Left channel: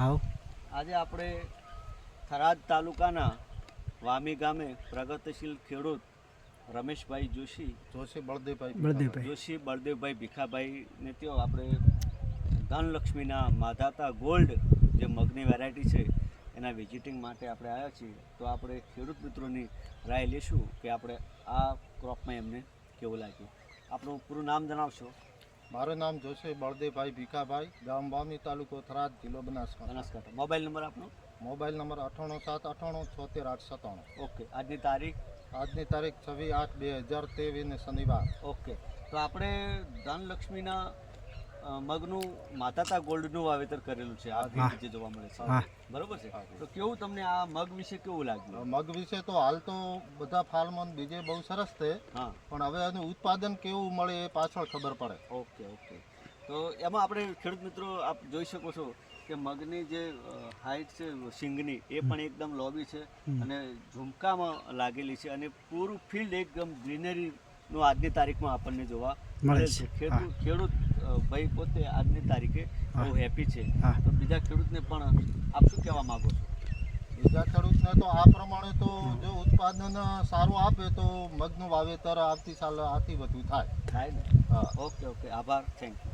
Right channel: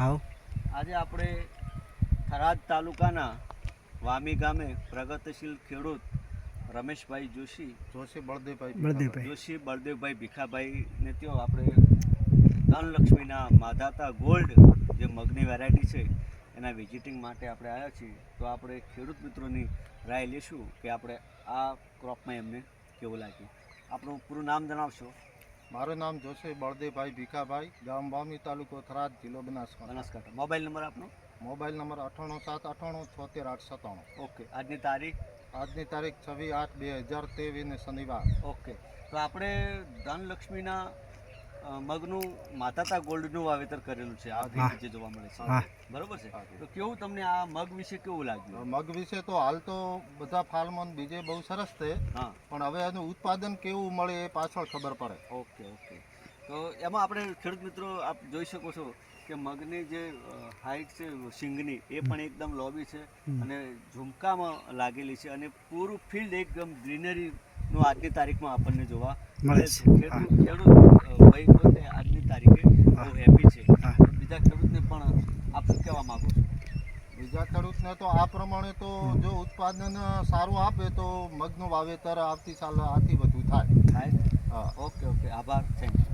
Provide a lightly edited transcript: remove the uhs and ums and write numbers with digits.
આવો. આજે આપણે થરાદ તાલુકાના વામી ગામે પ્રગતિશીલ ખેડૂત રમેશભાઈ જોશી બળદેવભાઈ ભીખાભાઈને ત્યાં આપણે ધનલક્ષ્મીના માધાતા ગોલ્ડ જે મગની વેરાયટી છે એના વિઝિટિંગ માટે આપણે આવ્યા છીએ. તો આપણે ખેડૂત મિત્રોની રાય લેશું કે આપણે આ ક્રોપમાં એમને કેવું લાગ્યું. આપણું પૂરું નામ જણાવશો? મારું નામ જોશી બળદેવભાઈ ભીખાભાઈ, ગામ વામી, તાલુકો થરાદ, જિલ્લો બનાસકાંઠા. મોબાઈલ નંબર આપનો? Mobile number 9878987697. ઓકે. આજની તારીખ? આજની તારીખ 26/8/2023 ને શનિવાર. ઓકે. તો આપણે ધનલક્ષ્મીના મગનું માતાતા ગોલ્ડનું વાવેતર કરેલું છે. આ જે જોવા મળે છે, બરોબર છે. તો કેવું તમને આ મગ વિશે કેવું લાગ્યું? મગ વિશે તો હાલ તો બધા ફાર્મમાં બીજે બહુ સરસ છે, પણ હવે એનું ઉત્પાદન કેવું મળે એ પાછળ ખબર પડે. ઓકે. તો એમાં આપણે ખેડૂત મિત્રો આપ જોઈ શકો છો કે મગની જે હાઈટ છે સિંગની એ પણ એકદમ લોબી છે અને ઝુમકામાં લાગેલી છે અને પૂરું ફિલ્ડ એકદમ ગ્રીનરીનું આજની તારીખમાં આપણને જોવા મળે છે. ખેડૂત ભાઈ પોતે આજની તારીખે બહુ હેપી છે. બીજા ખેડૂતને પણ આપ શું કહેવા માંગો છો? બીજા ખેડૂતને તો આ પ્રમાણે તો જો ઉત્પાદન સારું આપે તો મગનું વાવેતર આવતી સાલ આથી વધુ થાય. ઓકે. આભાર. Thank you.